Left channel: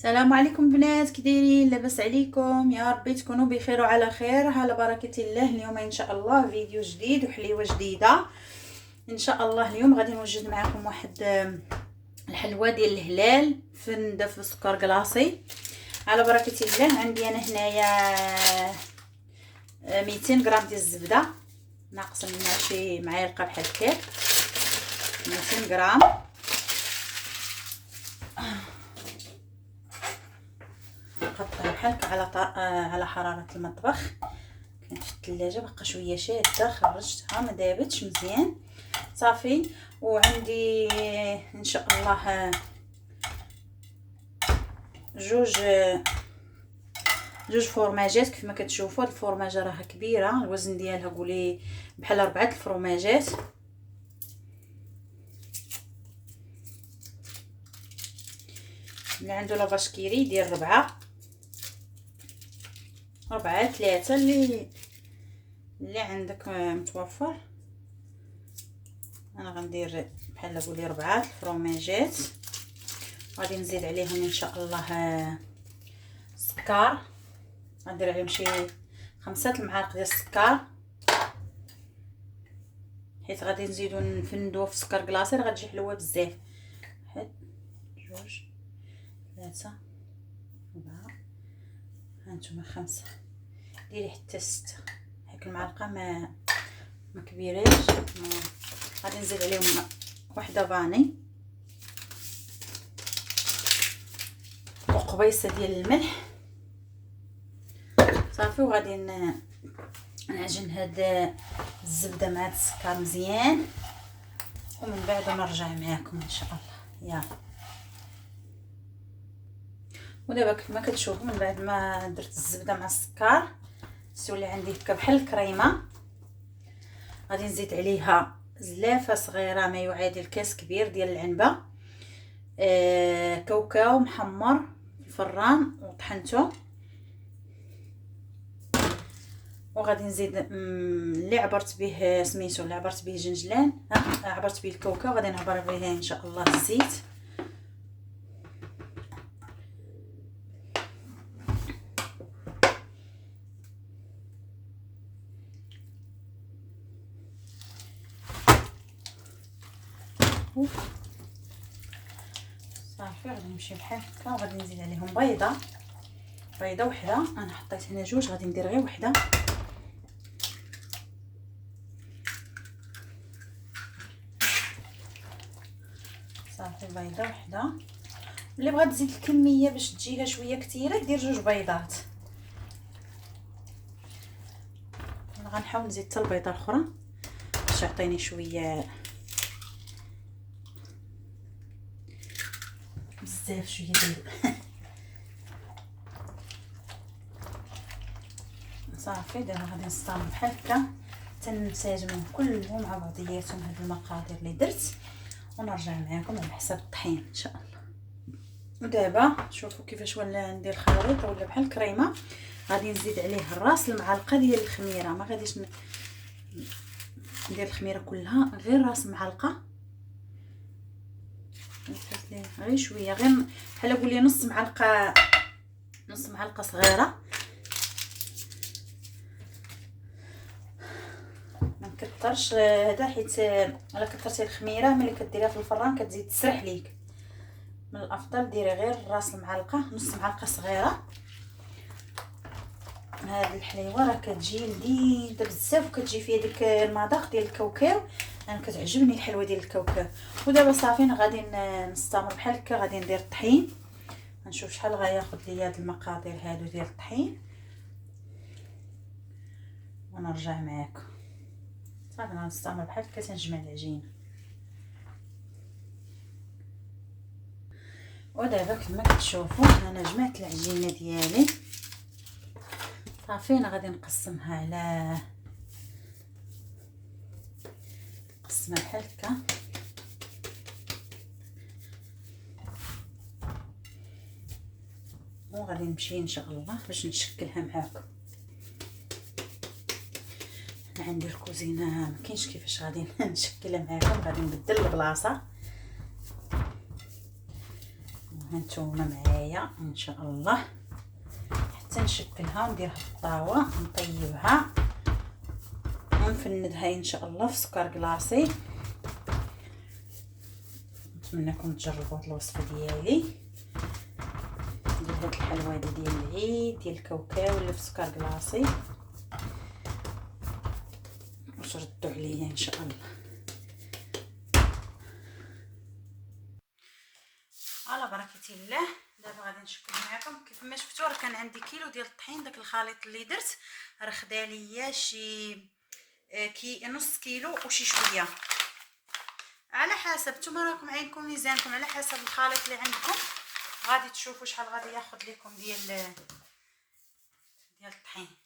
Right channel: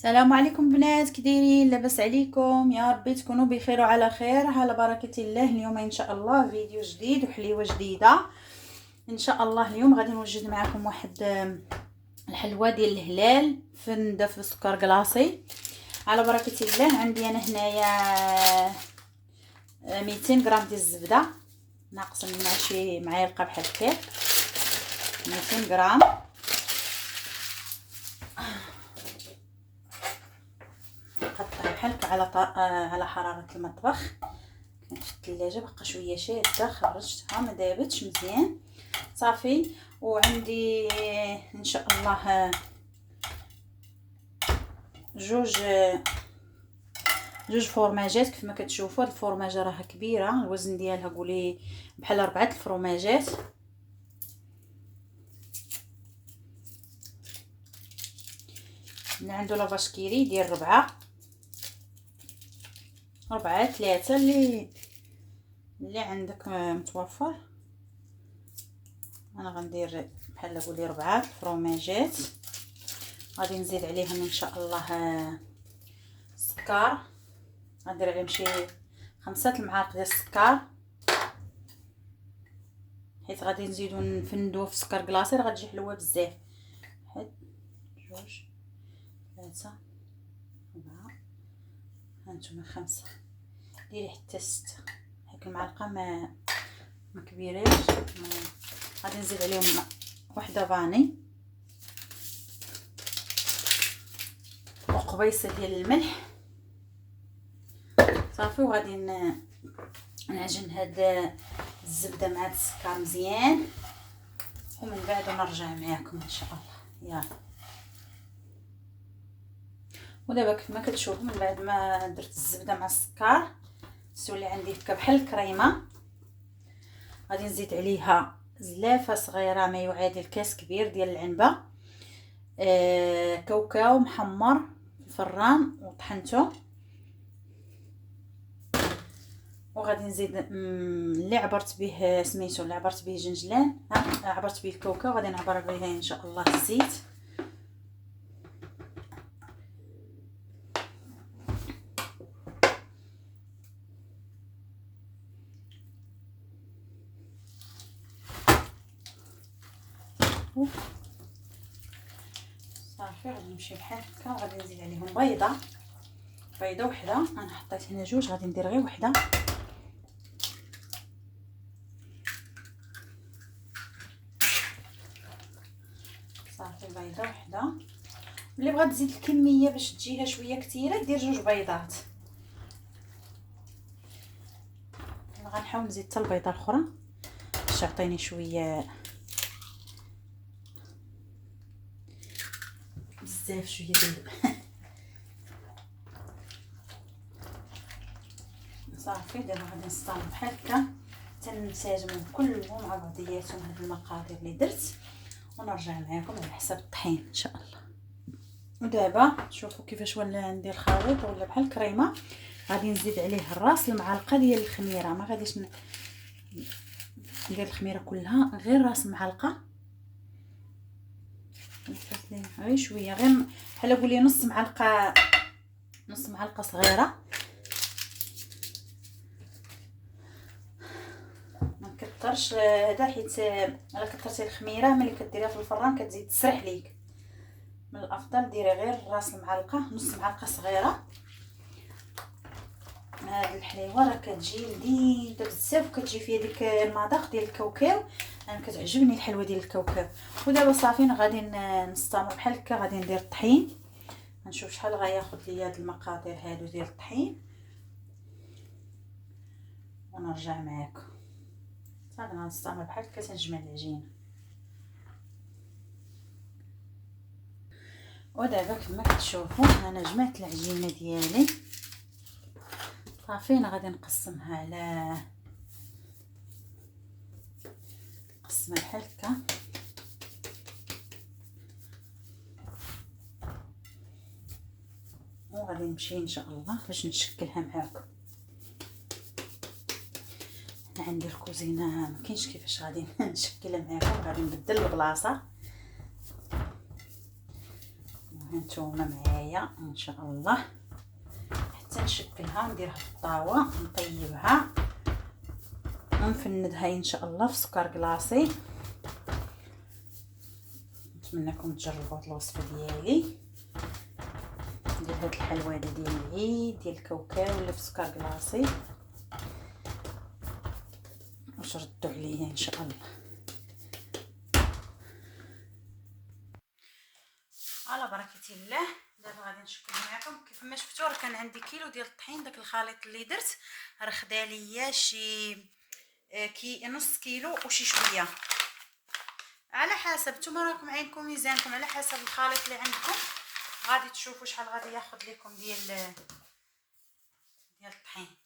السلام عليكم بنات، كي دايرين؟ لاباس عليكم؟ يا ربي تكونوا بخير وعلى خير. على بركه الله اليوم ان شاء الله فيديو جديد وحليوه جديده ان شاء الله. اليوم غادي نوجد معكم واحد الحلوه ديال الهلال فنده في سكر كلاصي. على بركه الله عندي انا هنايا 200 غرام ديال الزبده ناقص منها شي معلقه بحال هكا. 200 غرام نحطها بحال هكا على حراره المطبخ. كانت في الثلاجه بقى شويه شاده، خرجتها ما دابتش مزيان صافي. وعندي ان شاء الله جوج فورماجات. كيف ما كتشوفوا هاد الفورماجه راها كبيره، الوزن ديالها قولي بحال 4 الفرماجات. اللي عنده لافاش كيري يدير 4 3 اللي عندك متوفر. انا غندير بحال قولي 4 الفرماجات. غادي نزيد عليهم ان شاء الله السكر، غندير عليهم شي 5 المعالق ديال السكر، حيت غادي نزيدو نفندوه في سكر كلاصي راه غتجي حلوه بزاف. 1 2 3 4 هانتوما 5، ديري حتى 6. هاك المعلقه ما كبيراش. غادي نزيد عليهم وحده فاني وقبيصه ديال الملح صافي. وغادي نعجن هاد الزبده مع السكر مزيان، ومن بعد نرجع معاكم ان شاء الله. يلا ودابا كيف ما كتشوفوا من بعد ما درت الزبده مع السكر تولي عندي هكا بحال الكريمه. غادي نزيد عليها زلافه صغيره ما يعادل كاس كبير ديال العنبه، كاوكاو محمر في الفران وطحنته. وغادي نزيد اللي عبرت به سميتو، اللي عبرت به جنجلان، عبرت به الكاوكاو، غادي نعبر به ان شاء الله الزيت. صافي غادي نمشي بحال هكا. وغادي نزيد عليهم بيضه وحده. انا حطيت هنا جوج، غادي ندير غير وحده. صافي بيضه وحده. اللي بغات تزيد الكميه باش تجيها شويه كثيره دير جوج بيضات. انا غنحاول نزيد حتى البيضه الاخرى باش يعطيني شويه بزاف شويه ديال صافي. دابا غادي نستعمل بحال هكا تنساجمهم كلهم مع بعضياتهم هاد المقادير اللي درت، ونرجع معاكم على حسب الطحين ان شاء الله. ودابا شوفوا كيفاش ولا ندير خليط ولا بحال الكريمه. غادي نزيد عليه راس المعلقه ديال الخميره، ما غاديش ندير الخميره كلها، غير راس معلقه، غير شويه، غير بحال قولي نص معلقه صغيره. ما نكثرش هذا حيت الا كثرتي الخميره ملي كديريها في الفران كتزيد تسرح ليك. من الافضل ديري غير راس المعلقه، نص معلقه صغيره. هذه الحليوه راه كتجي لذيذه بزاف وكتجي فيها ديك المذاق ديال الكاوكاو. انا كتعجبني الحلوه ديال الكاوكاو. ودابا صافي غادي نستمر بحال هكا. غادي ندير الطحين، نشوف شحال غياخذ ليا هاد المقادير هادو ديال الطحين ونرجع معاكم. صافي غنستمر بحال هكا تنجمع العجينه. ودابا كما كتشوفوا انا جمعت العجينه ديالي صافي. انا غادي نقسمها بحال هكا. وغادي نمشي ان شاء الله باش نشكلها معاكم. انا عندي الكوزينه ما كاينش كيفاش غادي نشكلها معاكم. غادي نبدل البلاصه هانتوما معايا ان شاء الله حتى نشكلها ونديرها في الطاوه نطيبها ونفندها ان شاء الله في سكر كلاصي. نتمنىكم تجربوا هاد الوصفه ديالي ديال هاد الحلوه ديال العيد ديال الكاوكاو اللي في سكر كلاصي، واش ردوا عليا ان شاء الله. على بركه الله دابا غادي نشكل معكم. كيف ما شفتوا راه كان عندي كيلو ديال الطحين، داك الخليط اللي درت راه خدا ليا شي نص كيلو وشي شويه، على حسب نتوما راكم عينكم ميزانكم، على حسب الخليط اللي عندكم غادي تشوفوا شحال غادي ياخذ لكم ديال الطحين.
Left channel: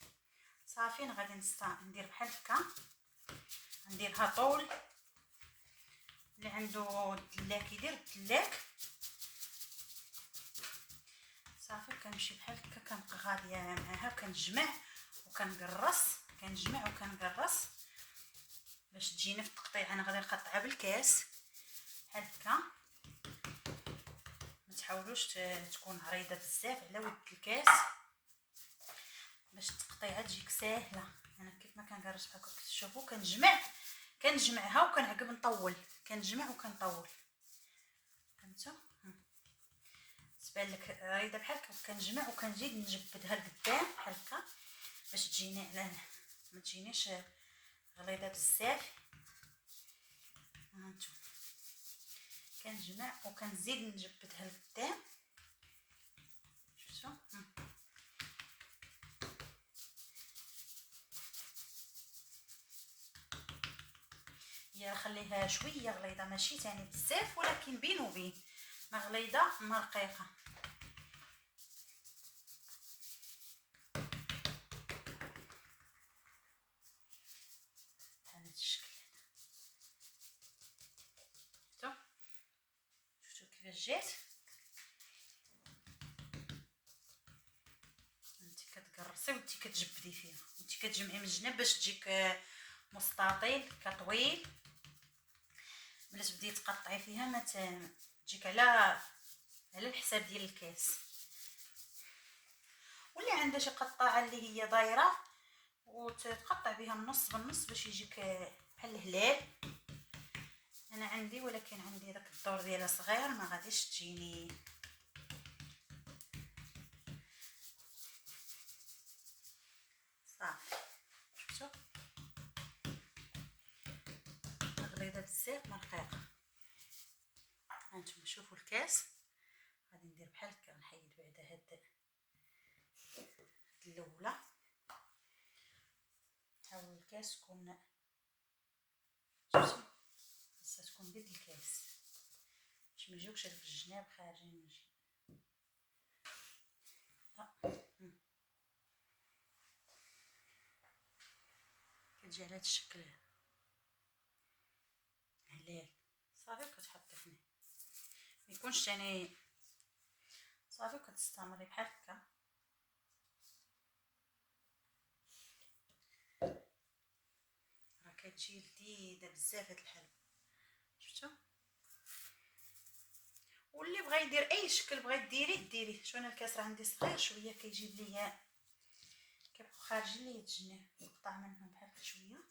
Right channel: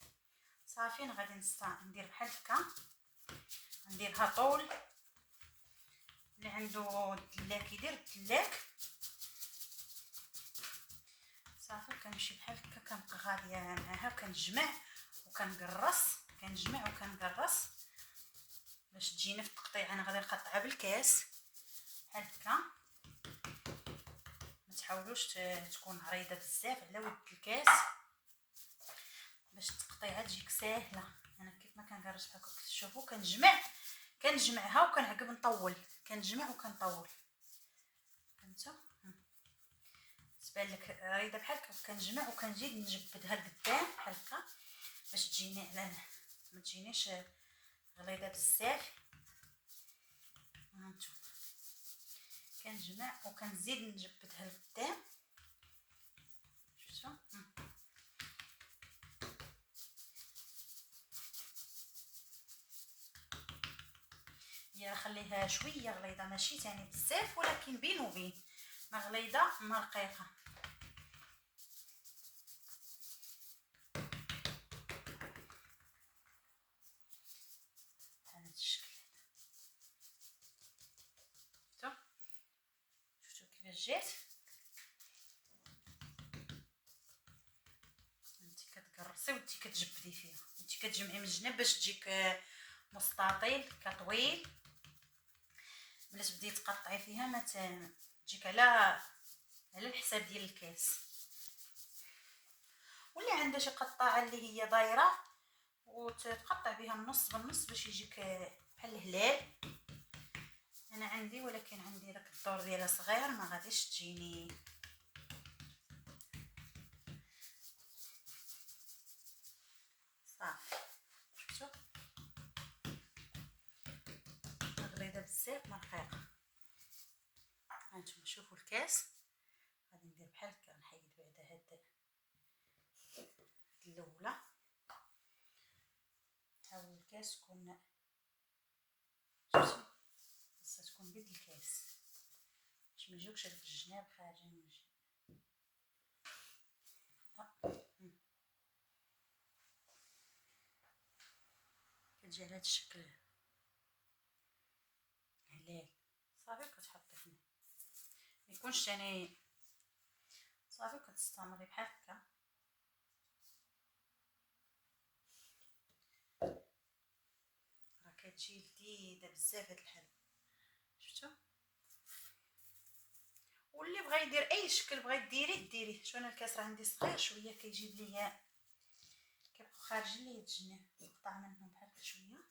صافي غادي ندير بحال هكا، نديرها طول. اللي عنده الدلاك يدير الدلاك. صافي كنمشي بحال هكا كنبقى غاديه معاها وكنجمع وكنقرص، كنجمع وكنقرص باش تجينا في التقطيع. انا غادي نقطعها بالكاس بحال هكا، ما تحاولوش تكون عريضه بزاف على ود الكاس باش التقطيعه تجيك ساهله. انا كيف ما كنقرص بحال هكا كتشوفوا كنجمعها وكنعقب نطول، كنجمع وكنطول. فهمتوا؟ تبان لك عريضه بحال هكا كنجمع وكنزيد نجبدها لقدام بحال هكا باش تجيني على ما تجينيش غليظه بزاف. هانتوما كنجمع وكنزيد نجبدها لقدام. شفتوا؟ هي خليها شويه غليظه ماشي ثاني بزاف، ولكن بين وبين ما غليظه ما رقيقه. بهذا الشكل. شفتوا كيفاش جات؟ انت كتقرصي وانت كتجبدي فيها، انت كتجمعي من الجناب باش تجيك مستطيل كطويل. ملي تبداي تقطعي فيها ما تجيك على الحساب ديال الكاس. واللي عنده شي قطاعه اللي هي دايره وتقطع بها النص بالنص باش يجيك بحال الهلال. انا عندي، ولكن عندي داك الدور ديالها صغير ما غاديش تجيني. صافي شفتوا غليظه بزاف ما رقيقه. هانتوما شوفوا الكاس غادي ندير بحال هكا، نحيد بعدا هاد الاولى. حاولوا الكاس تكون خاصها تكون بيد الكاس باش ما يجيوكش هاد الجناب خارجين من الجناب. كتجي على هاد الشكل هلال. صافي كتحطي فيه ما يكونش ثاني. صافي كتستمري بحال هكا. راه كتجي لذيذه بزاف هاد الحلوه. شفتوا؟ واللي بغى يدير اي شكل بغيتي ديريه. شوف انا الكاس راه عندي صغير شويه كيجيب ليا كيبقاو خارجين ليا الجناب، نقطع منهم بحال هكا شويه.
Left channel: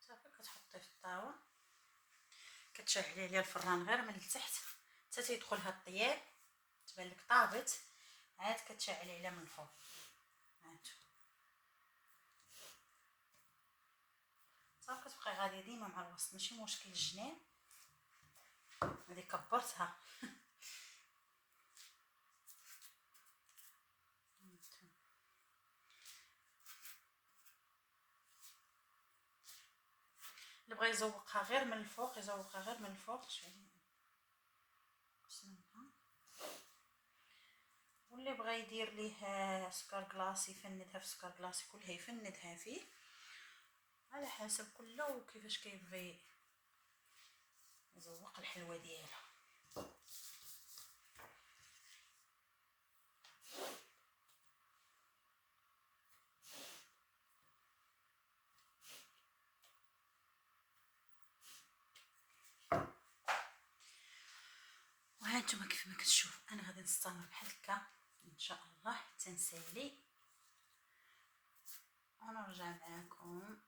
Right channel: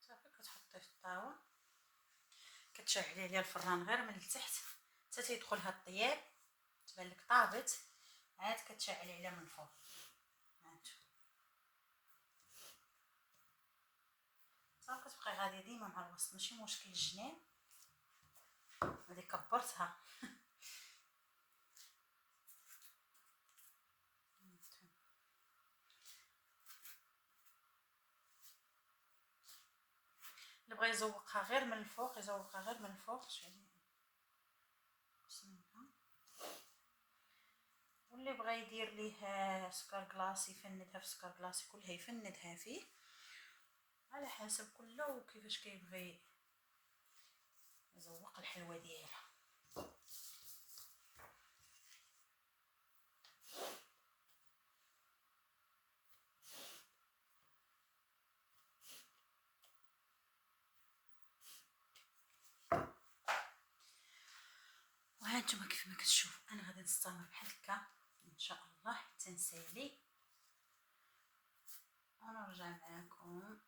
صافي كتحطي في الطاوه، كتشعلي عليها الفران غير من التحت حتى تيدخلها الطياب تبان لك طابت، عاد كتشعلي عليها من الفوق. هانتو صافي كتبقاي غاديه ديما مع الوسط ماشي مشكل. الجناب هذه كبرتها. اللي بغى يزوقها غير من الفوق يزوقها غير من الفوق. واللي بغى يدير ليه سكر كلاصي يفندها في سكر كلاصي كلها يفندها فيه على حسب كله وكيفاش كيبغي يزوق الحلوه ديالها. وهانتوما كيف ما كتشوفوا انا غادي نستمر بحال هكا ان شاء الله حتى نسالي ونرجع معاكم.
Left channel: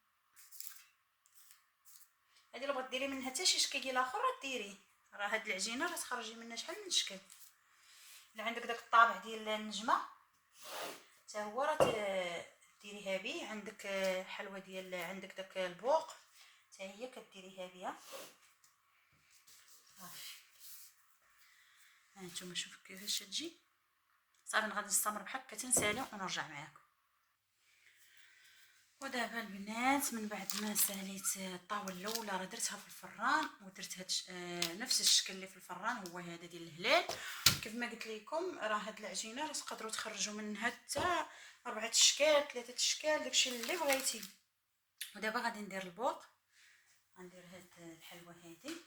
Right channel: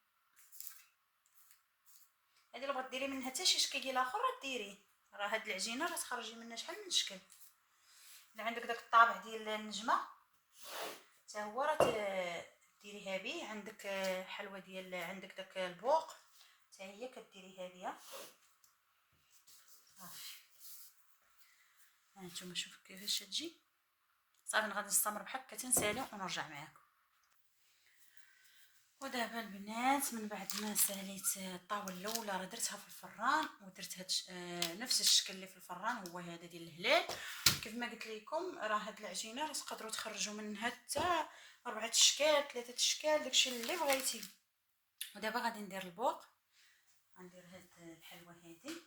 هذه اللي بغات ديري منها حتى شي شكل ديال اخر راه ديريه، راه هاد العجينه راه تخرجي منها شحال من شكل. الا عندك داك الطابع ديال النجمه حتى هو راه ديريها به. عندك حلوه ديال عندك داك البوق حتى هي كديريها بها صافي. هانتوما شوفوا كيفاش تجي صافي. غادي نستمر بحال هكا تنسالي ونرجع معاكم. ودابا البنات من بعد ما ساليت الطاوله الاولى راه درتها في الفران ودرت هاد نفس الشكل اللي في الفران هو هذا ديال الهلال. كيف ما قلت لكم راه هاد العجينه راه تقدروا تخرجوا منها حتى 4 اشكال 3 اشكال داكشي اللي بغيتي. ودابا غادي ندير البوق، غندير هاد الحلوه هذه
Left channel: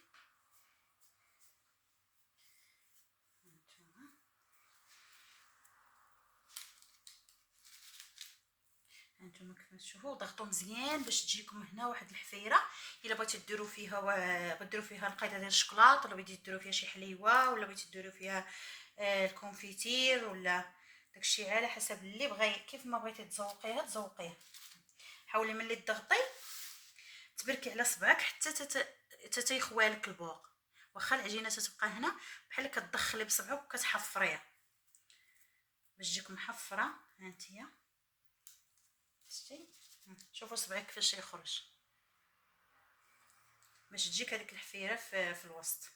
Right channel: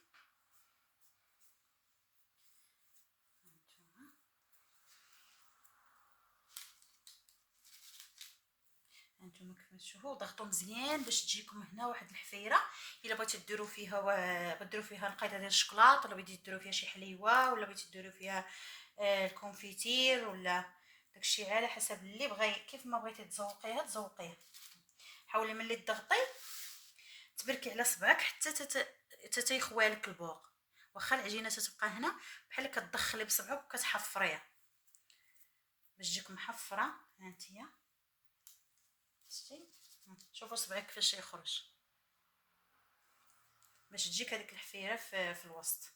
هانتوما كيف تشوفوا. ضغطوا مزيان باش تجيكم هنا واحد الحفيره. الا بغيتو ديروا فيها غديروا فيها نقيضه ديال الشكلاط، ولا بغيتو ديروا فيها شي حليوه، ولا بغيتو ديروا فيها الكونفيتير، ولا داكشي على حسب اللي بغى. كيف ما بغيتي تزوقيها تزوقيها. حاولي ملي تضغطي تبركي على صبعك حتى تيخوالك البوق. واخا العجينه تتبقى هنا بحال كتدخلي بصبعك وكتحفريها باش تجيك محفره. هانتيا شتي شوفوا صبعك كيفاش يخرج باش تجيك هذيك الحفيره في الوسط.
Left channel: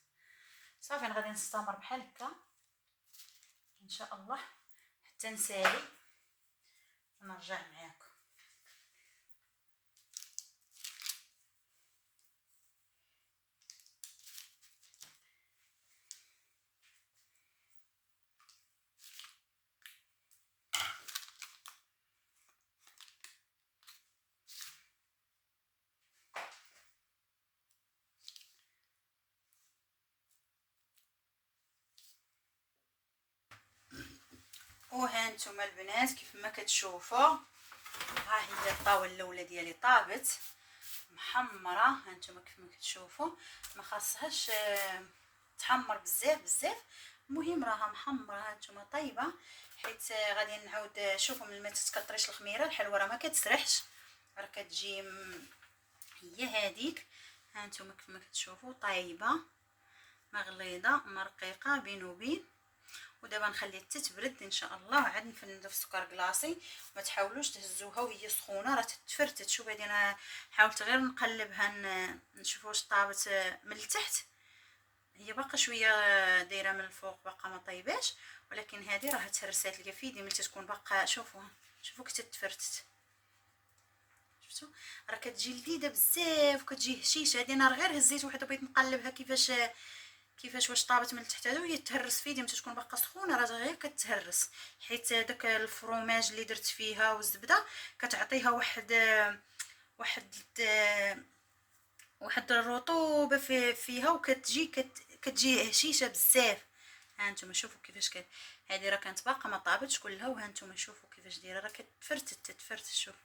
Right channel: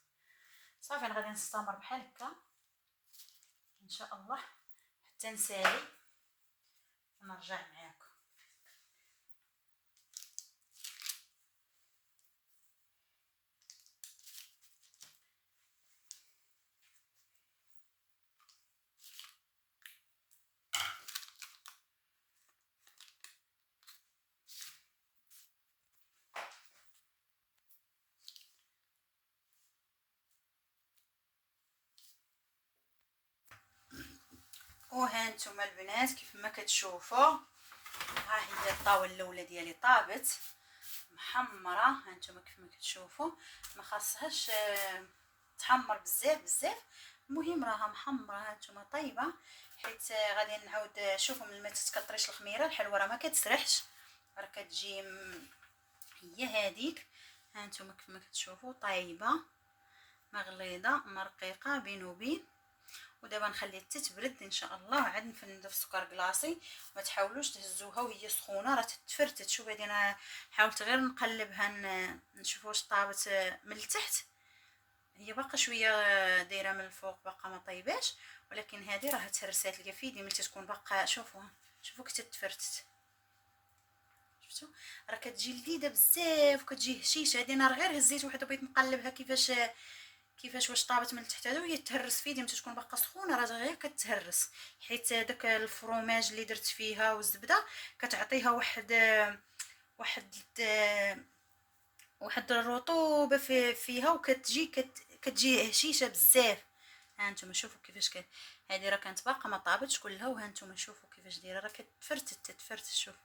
صافي انا غادي نستمر بحال هكا ان شاء الله حتى نسالي ونرجع معاكم. وهانتوما البنات كيف ما كتشوفوا ها هي الطاوله الاولى ديالي طابت محمره. هانتوما كيف ما كتشوفوا ما خاصهاش تحمر بزاف. المهم راها محمره هانتوما طيبه. حيت غادي نعاود شوفوا من ما تتكطريش الخميره الحلوه راه ما كتسرحش راه كتجي هي هذيك. هانتوما كيف ما كتشوفوا طيبه مغليظه مرقيقه بين وبين. ودابا نخليها حتى تبرد ان شاء الله وعاد نفندو في سكر كلاصي. ما تحاولوش تهزوها وهي سخونه راه تتفرتت. شوف هذه انا حاولت غير نقلبها نشوف واش طابت من التحت. هي باقا شويه دايره من الفوق باقا ما طيباش، ولكن هذه راه تهرسات ليا في يدي ملي تكون باقا. شوفوا كي تتفرتت شفتوا راه كتجي لذيذه بزاف وكتجي هشيشه. هذه انا غير هزيت وحده بغيت نقلبها كيفاش واش طابت من التحت هذا وهي تهرس في يدي ملي تكون باقا سخونه راه غير كتهرس. حيت داك الفروماج اللي درت فيها والزبده كتعطيها واحد الرطوبه فيها كتجي هشيشه بزاف. ها نتوما شوفوا كيفاش هذه راه كانت باقا ما طابتش كلها. وها نتوما شوفوا كيفاش دايره راه تتفرتت. شوف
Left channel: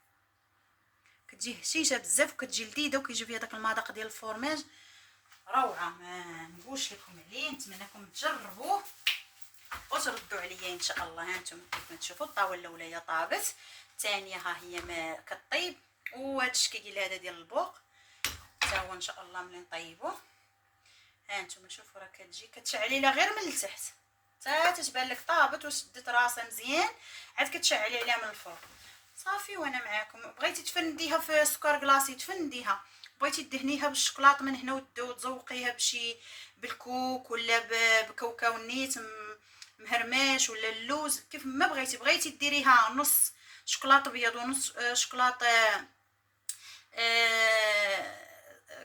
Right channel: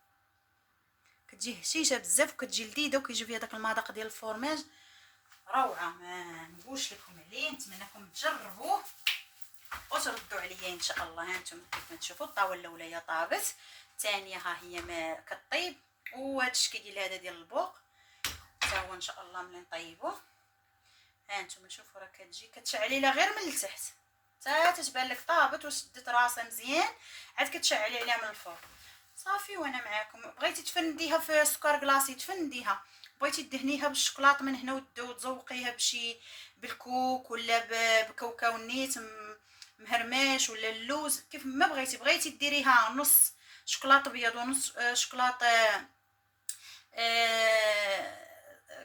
كتجي هشيشه بزاف وكتجي لذيذه وكيجي فيها داك المذاق ديال الفرماج روعه. ما نقولش لكم عليه، نتمنىكم تجربوه وتردوا عليا ان شاء الله. هانتوما كيف ما تشوفوا الطاوله الاولى هي طابت، الثانيه ها هي ما كطيب، وهذا الشكل ديال هذا ديال البوق حتى هو ان شاء الله ملي نطيبوه. هانتوما شوفوا راه كتجي كتشعلي لها غير من التحت حتى تتبان لك طابت وشدت راسها مزيان، عاد كتشعلي عليها من الفوق صافي. وانا معاكم. بغيتي تفنديها في سكر كلاصي تفنديها، بغيتي دهنيها بالشوكولاط من هنا وتزوقيها بشي بالكوك ولا بكاوكاو نيت مهرماش ولا اللوز كيف ما بغيتي ديريها نص شوكولاط ابيض ونص شوكولاط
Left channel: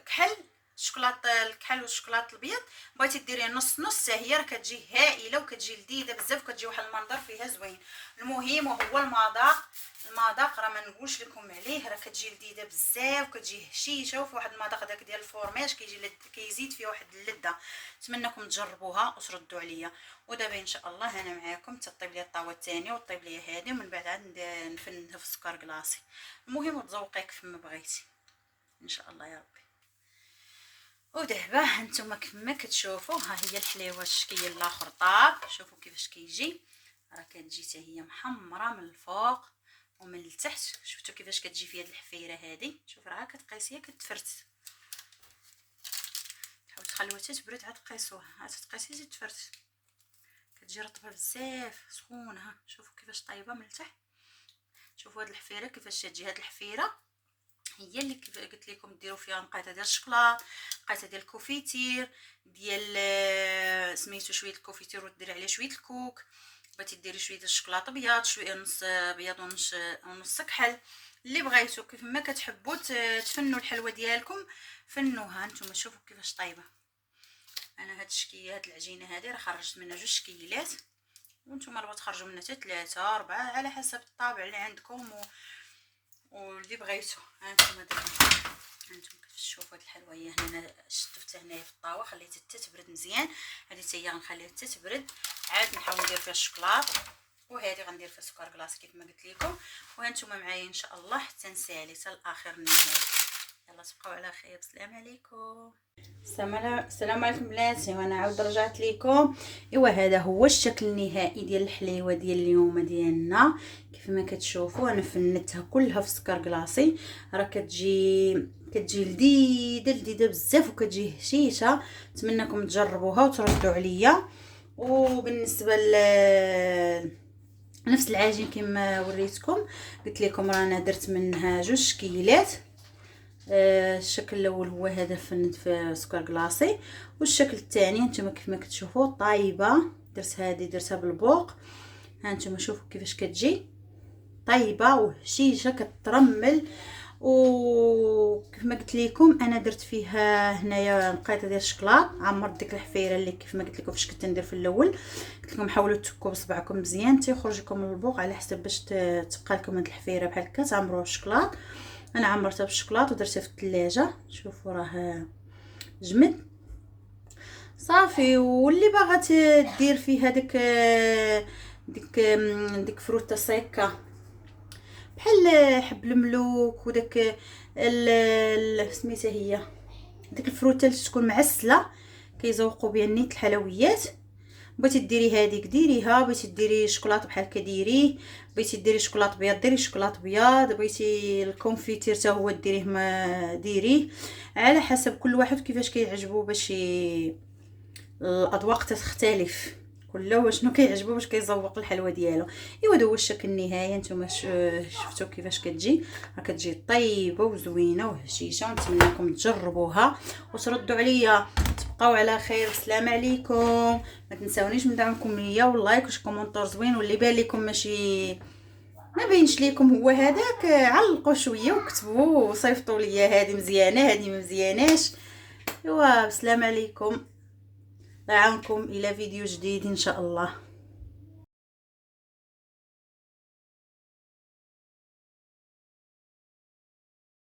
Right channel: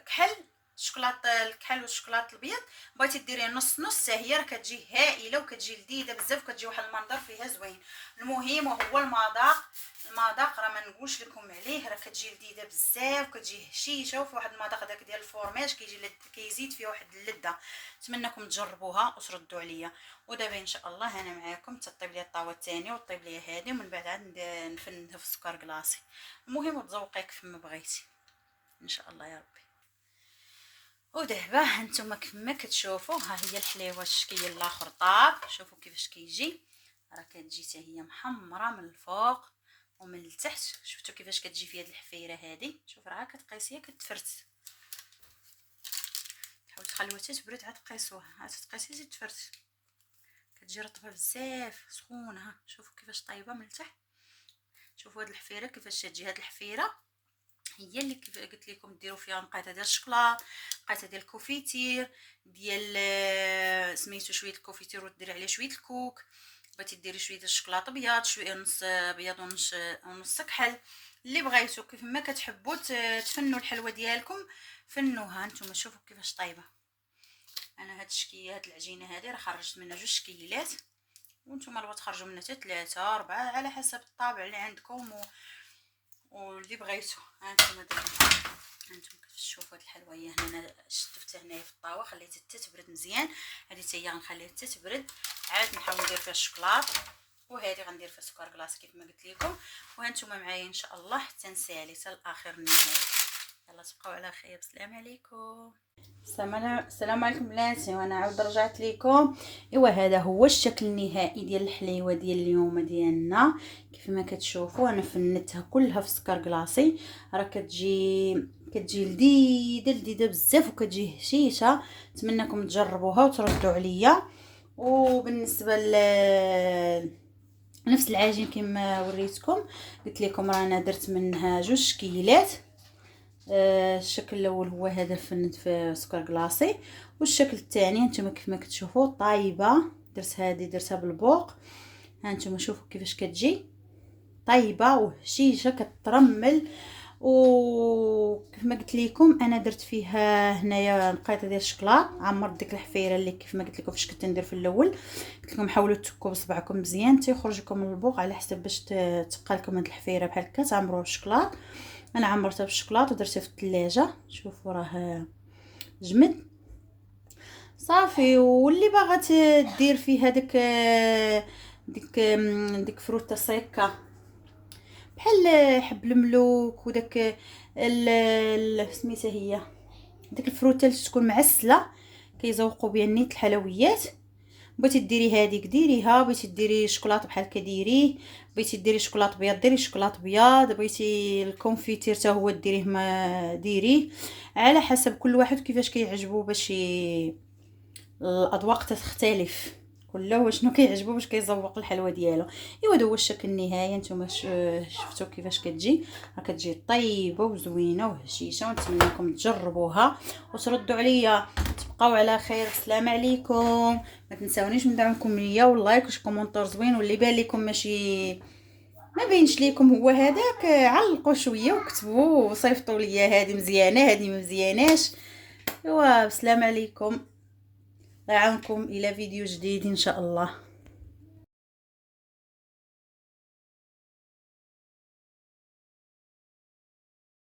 كحل الشوكولاط الكحل والشوكولاط الابيض، بغيتي ديريه نص نص، هي راه كتجي هائله وكتجي لذيذه بزاف وكتجي واحد المنظر فيها زوين. المهم هو المذاق راه ما نقولش لكم عليه، راه كتجي لذيذه بزاف وكتجي هشيشه وفي واحد المذاق داك ديال الفورماج كيزيد فيه واحد اللذه. نتمنىكم تجربوها وتردوا عليا. ودابا ان شاء الله انا معاكم تطيب لي الطاوه الثانيه وطيب لي هذه، ومن بعد عاد نفنها في السكر كلاصي. المهم تذوقي كيف ما بغيتي ان شاء الله يا ربي. ودابا هانتوما كما كتشوفوا ها هي الحليوه الشكل الاخر طاب، شوفوا كيفاش كيجي، راه كتجي حتى هي محمره من الفوق ومن التحت. شفتوا كيفاش كتجي في هذه الحفيره هذه، شوف راه كتقيسيها كتفرت، تحاول تخليوها حتى تبرد عاد تقيسوها، عاد تقيسي تفرت، كتجي رطبه بزاف سخونه. ها شوفوا كيفاش طايبه من التحت، شوفوا هذه الحفيره كيفاش تجي. هذه الحفيره هي اللي قلت لكم ديروا فيها نقيطه ديال الشكلاط، نقيطه ديال الكوفيتير ديال سميتو شويه الكوفيتير وديري عليه شويه الكوك. بغيتي ديري شويه ديال الشكلاط ابيض، شويه نص ابيض ونص كحل، اللي بغيتو كيف ما كتحبوا تفنوا الحلوه ديالكم فنوها. نتوما شوفوا كيفاش طايبه. انا هاد الشكيه هاد العجينه هذه راه خرجت منها 2 شكيلات، وانتم راه تخرجوا منها حتى 3 4 على حسب الطابع اللي عندكم واللي بغيتو. هانتوما هانتوما كتشوفوا هاد الحلوه هي هنا شطفتها هنايا في الطاوه، خليتها حتى تبرد مزيان. هذه حتى هي غنخليها حتى تبرد، عاد نحاول ندير فيها الشوكولاط، وهذه غندير فيها سكر كلاص كيف ما قلت لكم. وهانتوما معايا ان شاء الله حتى نسالي حتى الاخر النهايه. يلا تبقاو على خير، السلام عليكم. السلام عليكم بناتي، وانا عاود رجعت لكم. ايوا هذا هو الشكل النهائي ديال الحليوه ديال اليوم ديالنا. كيف ما كتشوفوا انا فنتها كلها في سكر كلاصي، راه كتجي لذيذه بزاف وكتجي هشيشه. نتمنىكم تجربوها وتردوا عليا. وبالنسبه نفس العجين كما وريتكم، قلت لكم رانا درت منها 2 شكيلات. الشكل الاول هو هذا فنت في سكر كلاصي، والشكل الثاني انتما كيف ما كتشوفوا طايبه، درتها بالبوق. ها انتما شوفوا كيفاش كتجي طايبه وهشيشه كترمل. وكيف ما قلت لكم انا درت فيها هنايا نقيطه ديال الشكلاط، عمرت ديك الحفيره اللي كيف ما قلت لكم فاش كنت ندير في الاول. قلت لكم حاولوا تكوا بصبعكم مزيان تيخرج لكم البوق، على حسب باش تبقى لكم هاد الحفيره بحال هكا تعمروها بالشكلاط. انا عمرتها بالشكلاط ودرتها في الثلاجه، شوفوا راه جمد صافي. واللي باغا دير فيها ديك فروته سيكا بحال حب الملوك وداك سميتها هي ديك الفروته اللي تكون معسله كيزوقوا بها نيت الحلويات. بغيتي ديري هذيك ديريها، بغيتي ديري شوكولاط بحال هكا ديريه، بغيتي ديري شوكولاط ابيض ديري شوكولاط ابيض، بغيتي الكونفيتير حتى هو ديريه ما ديريه، على حسب كل واحد كيفاش كيعجبو. باش الاذواق تختلف، كل واحد شنو كيعجبو باش كيزوق الحلوه ديالو. ايوا هذا هو الشكل النهائي. نتوما شفتوا كيفاش كتجي، راه كتجي طيبه وزوينه وهشيشه. ونتمنىكم تجربوها وتردوا عليا. تبقاو على خير، السلام عليكم. ما تنساونيش من دعمكم ليا واللايك والكومونتور زوين، واللي بان لكم ماشي ما بينش ليكم هو هذاك علقوا شويه وكتبوا وصيفطوا ليا هذه مزيانه هذه ما مزياناش. ايوا السلام عليكم، نعاونكم الى فيديو جديد ان شاء الله.